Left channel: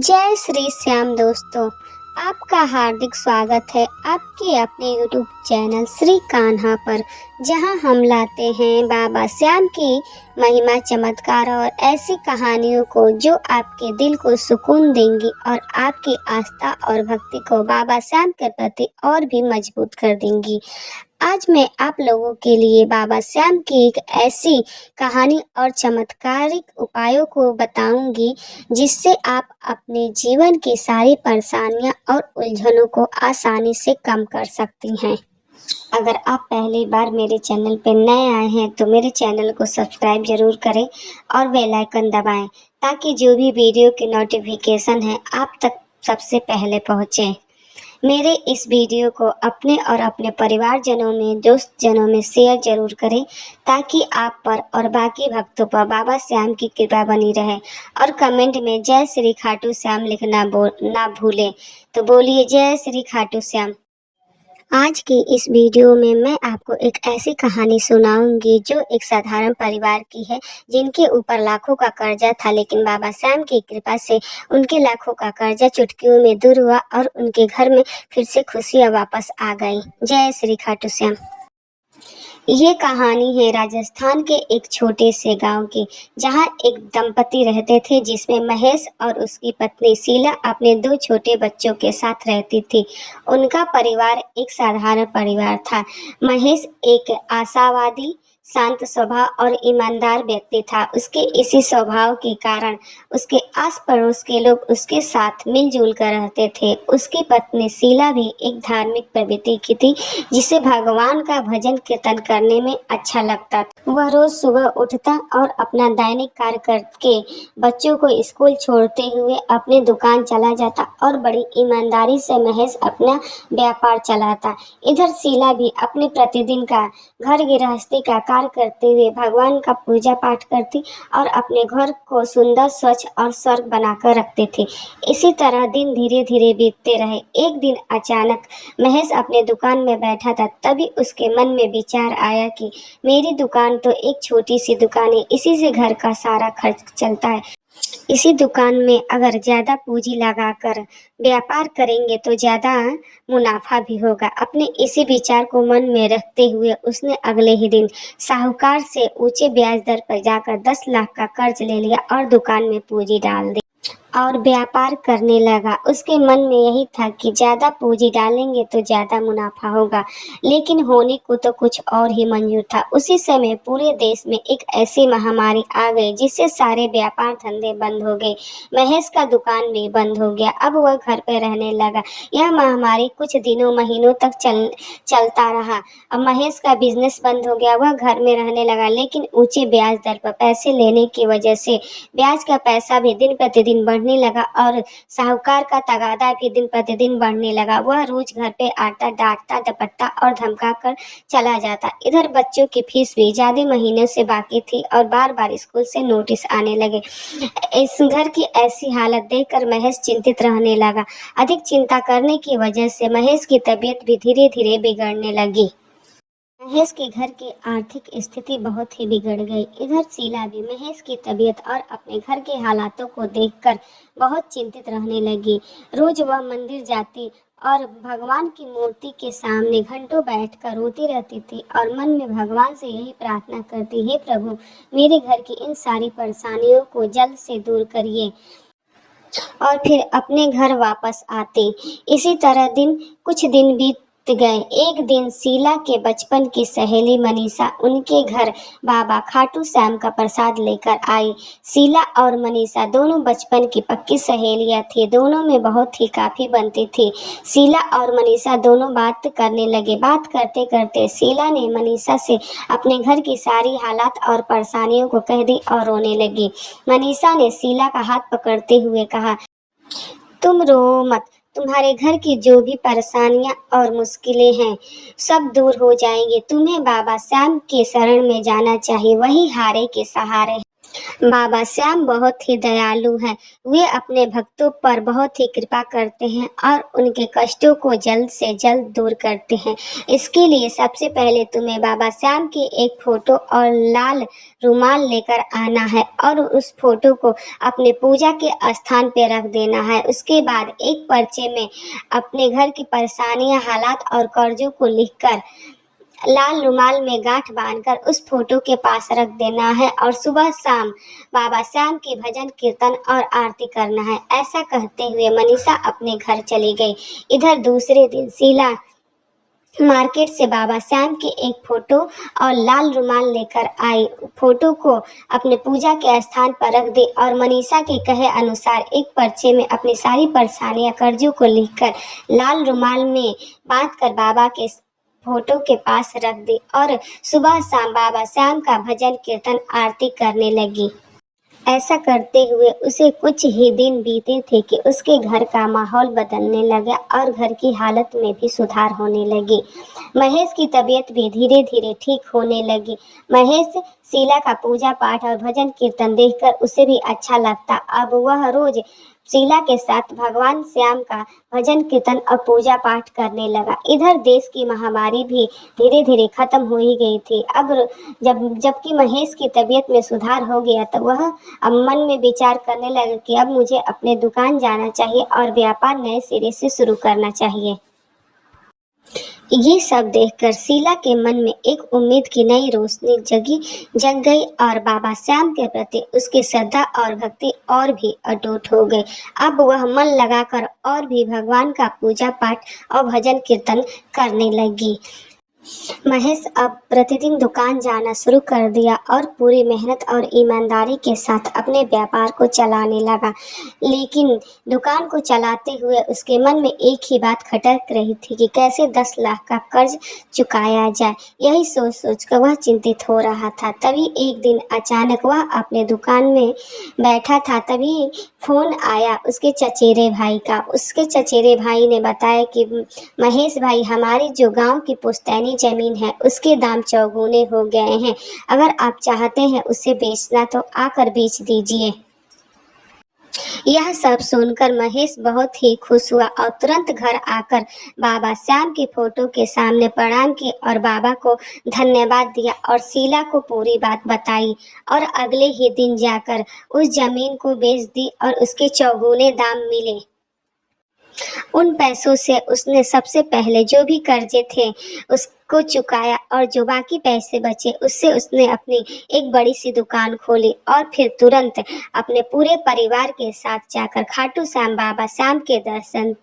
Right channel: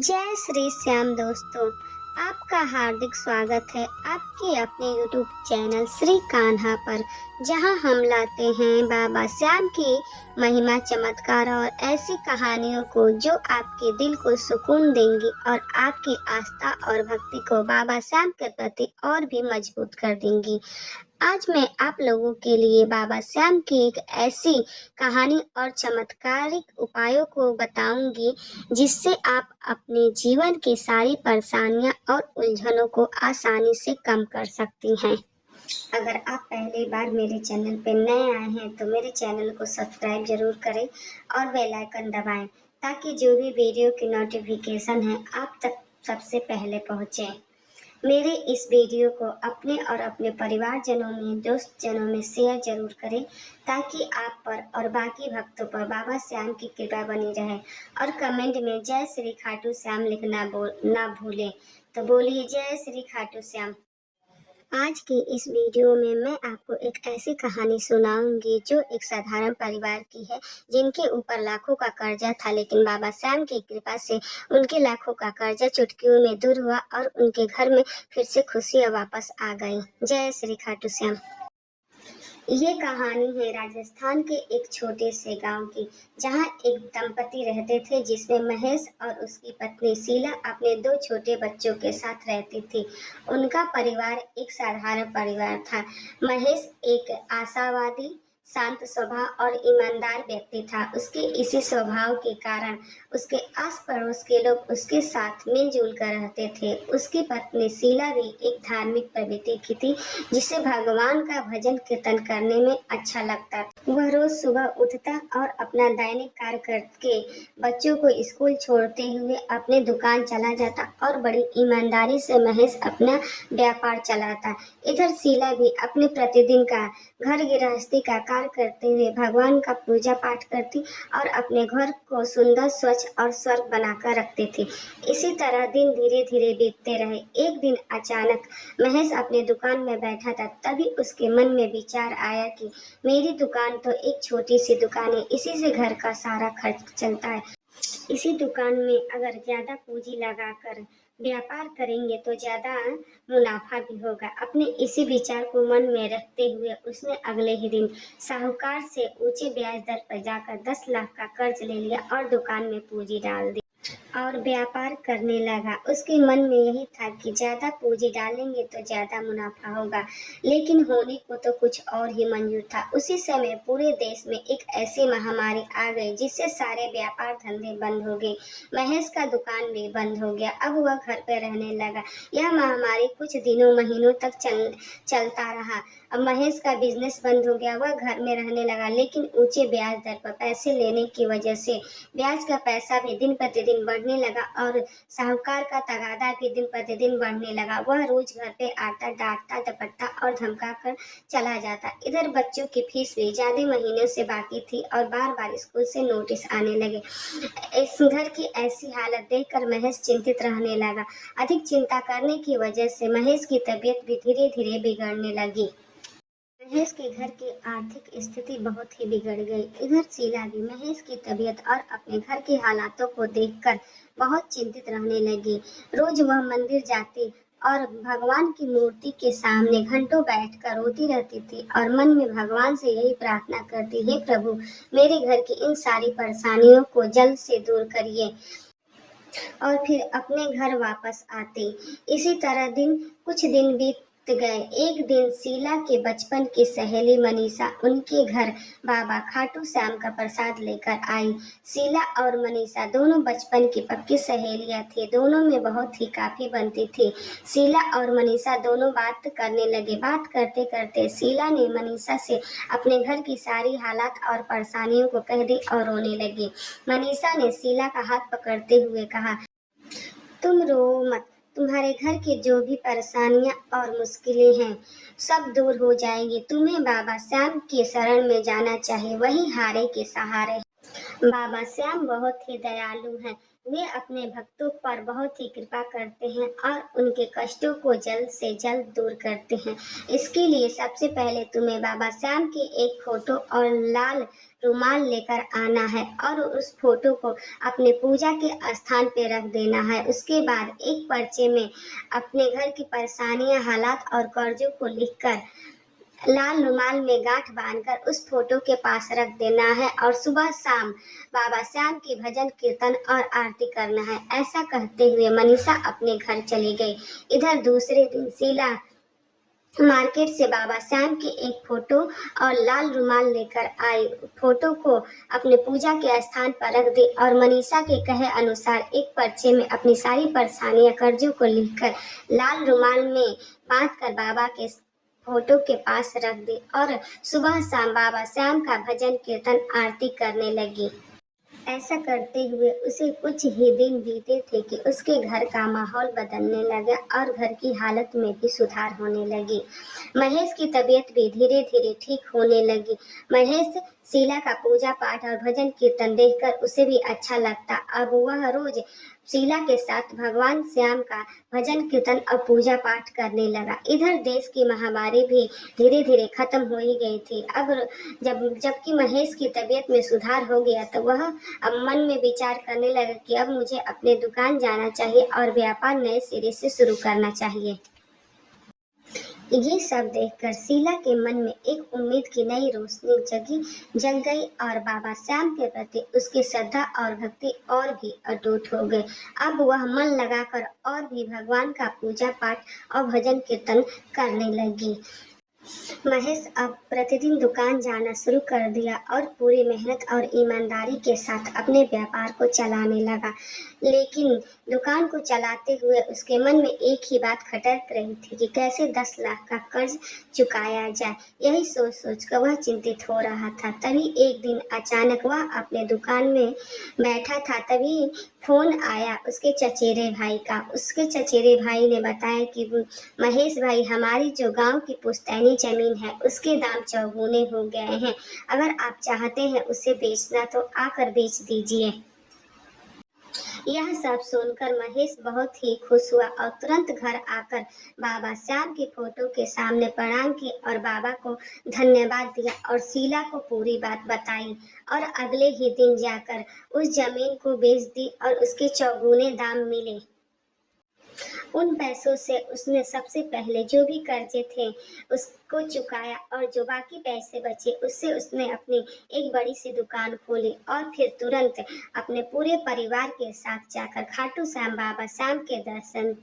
जय श्री श्याम दोस्तों, आपका हार्दिक स्वागत है आपके अपने YouTube चैनल श्री कान्हा पर, जहां हम लाते हैं बाबा श्याम की महिमा, चमत्कार और ऐसी कहानियों को जो आपके दिल को सुकून देंगी और आपकी आस्था और भक्ति को बाबा श्याम के प्रति और भी मजबूत कर देंगी। आज मैं आप लोगों के लिए बाबा श्याम की एक ऐसी कहानी और चमत्कारिक उपायों को बताऊंगी जिससे आप अपने जीवन की सारी परेशानियां और उलझनों को आसानी से कम कर सकती हैं। अगर आप पहली बार मेरे चैनल पर नए आए हैं तो मेरे चैनल को सब्सक्राइब जरूर करें और बेल आइकन दबाएं ताकि जो भी वीडियो की नोटिफिकेशन है आप तक सबसे पहले पहुंचे। मेरे इस वीडियो को अपने और अपने परिवारजनों में, दोस्त जनों में शेयर जरूर करें ताकि आप पर और बाकी भक्तों पर बाबा श्याम की कृपा बनी रहे। और कमेंट में जय श्री खाटू श्याम लिखना ना भूलें। तो बोलिए जय श्री खाटू श्याम। आज की इस वीडियो में मैं आपको एक ऐसी कहानी सुनाऊंगी जो एक साधारण परिवार की है, जिनके ऊपर लाखों का कर्जा था, लेकिन बाबा श्याम की कृपा से उनके लाखों का कर्जा चुटकियों में दूर हुआ और उनके घर में फिर से खुशियां वापस आ गई। जय श्री खाटू श्याम। ये कहानी है राजस्थान के एक छोटे से गांव की, जहां एक दंपति रहते थे जिसमें महेश और उसकी पत्नी शीला अपने 2 छोटे बच्चों के साथ रहती थी। उनका परिवार एक साधारण परिवार था। महेश एक आशावादी, शांत स्वभाव और ईमानदार व्यक्ति था। उसके इसी स्वभाव के कारण उसके आस पड़ोस के लोग उसके साथ मिलजुल कर रहते थे। उसकी पत्नी शीला भी एक धार्मिक प्रवृत्ति की थी, जिसे भगवान का भजन कीर्तन करने में अच्छा लगता था। वह रोज सुबह उठता और अपना दैनिक कार्य करके बच्चों को स्कूल छोड़ते हुए अपनी दुकान चला जाता और बड़ी ईमानदारी से महेश अपना व्यापार चलाता। इधर शीला भी अपने प्रतिदिन का घर गृहस्थी का कार्य करते हुए भगवान का पूजा पाठ करती और अपने घर को सुंदर, स्वच्छ और स्वर्ग बनाकर रखते थे। इसी तरह दिन धीरे धीरे बीतते रहे। एक दिन अचानक महेश अपने दुकान में बैठा था, तभी उसके मन में विचार आया कि मेरी दुकान तो एक छोटी सी दुकान है, इसी से घर का सारा खर्च चलता है। इसी दुकान में अगर ज्यादा पूंजी लगाकर व्यापार करेंगे तो ज्यादा मुनाफा भी होगा। अपने इसी विचार को मन में रखते हुए उसने अगले ही दिन साहूकार से ऊंचे ब्याज दर पर जाकर 10 लाख का कर्ज ले लिया और दुकान में पूंजी डाल दी और व्यापार करने लगा। उसके मन में यही था कि ज्यादा पूंजी डालेंगे तो ज्यादा मुनाफा होगा, लेकिन होने को तो कुछ और ही मंजूर था। उसी समय पूरे देश में एक ऐसी महामारी आ गई जिससे सारे व्यापार धंधे बंद हो गए। महेश का दुकान भी बंद हो गया। अब वह घर पे रहने लगा। यह महामारी कुछ दिनों महीनों तक चलता रहा। अब महेश का बिजनेस बंद हो गया। वह घर में रहने लगा, लेकिन ऊंचे ब्याज दर पर पैसे लेने की वजह से ब्याज का पैसा भी दिन प्रतिदिन बढ़ने लगा और साहूकार का तगादा भी दिन प्रतिदिन बढ़ने लगा। वह रोज घर पे आता, डांटता, डपटता और धमका कर चला जाता। इधर बच्चों की फीस भी ज्यादा महीनों से बाकी थी और बार बार स्कूल से नोटिस आने लगे। इस घर की ऐसी हालत देखकर महेश चिंतित रहने लगा। अधिक चिंता करने की वजह से महेश की तबीयत भी धीरे धीरे बिगड़ने लगी। महेश के घर की आर्थिक स्थिति बहुत ही बिगड़ गई। इधर शीला भी महेश की तबीयत और अपने घर के हालातों को देखकर बहुत चिंतित रहने लगी। रोज वह मंदिर जाती और भगवान की मूर्ति के सामने घंटों बैठकर रोती रहती थी और मन में भगवान से यही प्रार्थना करती, हे प्रभु, मेरे घर की इन सारी परेशानियों को जल्द से दूर करिए और फिर अपने घर वापस आते। इसी तरह कुछ दिन बीत गए। एक दिन शीला के बचपन की सहेली मनीषा उनके घर बाबा खाटू श्याम का प्रसाद लेकर आई। शीला और मनीषा दोनों बचपन की पक्की सहेलियां थी। दोनों में बहुत ही काफी बनती थी। शीला और मनीषा दोनों बात करने लगे। बात करते करते शीला ने मनीषा से अपने घर की सारी हालात और परेशानियों को कह दी और रोने लगी। मनीषा ने शीला का हाथ पकड़ते हुए कहा, तुम रो मत, तुम्हारे घर की जो भी परेशानियां और मुश्किलें हैं सब दूर हो जाएंगी। तुम्हें बाबा श्याम के शरण में जाना चाहिए, वही हारे के सहारे हैं। बाबा श्याम बहुत ही दयालु हैं। वे अपने भक्तों पर बहुत ही कृपा करते हैं और उनके कष्टों को जल्द से जल्द दूर करते हैं। इसके लिए सबसे पहले तुम्हें बाबा श्याम की एक फोटो और लाल रुमाल लेकर आना है और उस फोटो को अपने पूजा के स्थान पे रख देना है। उसके बाद एक पर्चे में अपने घर की परेशानियां, हालात और कर्जों को लिखकर लाल रुमाल में गांठ बांधकर उस फोटो के पास रख देना है और सुबह शाम बाबा श्याम की भजन कीर्तन और आरती करना है। ऐसा कहते हुए मनीषा अपने घर चली गई। इधर दूसरे दिन शीला मार्केट से बाबा श्याम की एक फोटो और लाल रुमाल लेकर आई। फोटो को अपने पूजा के स्थान पर रख दी और मनीषा के कहे अनुसार एक पर्चे में अपनी सारी परेशानियां, कर्जों को लिखकर लाल रुमाल में बांधकर बाबा के फोटो के पास रख दी और सुबह शाम बाबा श्याम का भजन कीर्तन आरती करने लगी। ऐसा करते हुए उसे कुछ ही दिन बीते थे कि उसके घर का माहौल बदलने लगा और घर की हालत में भी सुधार होने लगी। महेश की तबीयत भी धीरे धीरे ठीक होने लगी। महेश शीला का पूजा पाठ और भजन कीर्तन देखकर उसे भी अच्छा लगता। अब वह रोज शीला के साथ भगवान श्याम का भजन कीर्तन और पूजा पाठ करने लगा। इधर देश की महामारी भी धीरे धीरे खत्म हो ही गई थी। अब जबकि महेश की तबीयत में सुधार हो गया तो वह अब मन में विचार करने लगा कि अब मुझे अपने दुकान जाना चाहिए और व्यापार नए सिरे से शुरू करना चाहिए। ये सब देखकर शीला के मन में एक उम्मीद की नई रोशनी जग गई और बाबा श्याम के प्रति उसकी श्रद्धा और भक्ति और भी अटूट हो गई। अब वह मन लगाकर और भी भगवान का पूजा पाठ और भजन कीर्तन करने लगी। महेश अब प्रतिदिन दुकान जाना शुरू कर दिया और पूरी मेहनत और ईमानदारी के साथ अपने व्यापार को चलाने लगा। लेकिन दुकान को चलाते हुए उसके मन में एक ही बात खटक रही थी कि कैसे 10 लाख का कर्ज चुकाया जाए। यही सोच सोच कर वह चिंतित हो रहा था। तभी एक दिन अचानक वह अपने दुकान में बैठा था। तभी फोन आया उसके चचेरे भाई का। उसके चचेरे भाई ने बताया कि महेश भाई, हमारी जो गांव की पुश्तैनी जमीन है उसके दाम चौगुने हो गए हैं। अगर आप चाहते हैं उसे बेचना तो आकर बेच दीजिए। यह सब सुनकर महेश बहुत ही खुश हुआ और तुरंत घर आकर बाबा श्याम की फोटो के सामने प्रणाम किए और बाबा को धन्यवाद दिया और शीला को पूरी बात बताई और अगले ही दिन जाकर उस जमीन को बेच दी और उसके चौगुने दाम मिले। उन पैसों से उसने सबसे पहले जो भी कर्जे थे उसको चुकाया और जो बाकी पैसे बचे उससे उसने अपनी एक बड़ी सी दुकान खोली और फिर तुरंत अपने पूरे परिवार के साथ जाकर खाटू श्याम बाबा श्याम के दर्शन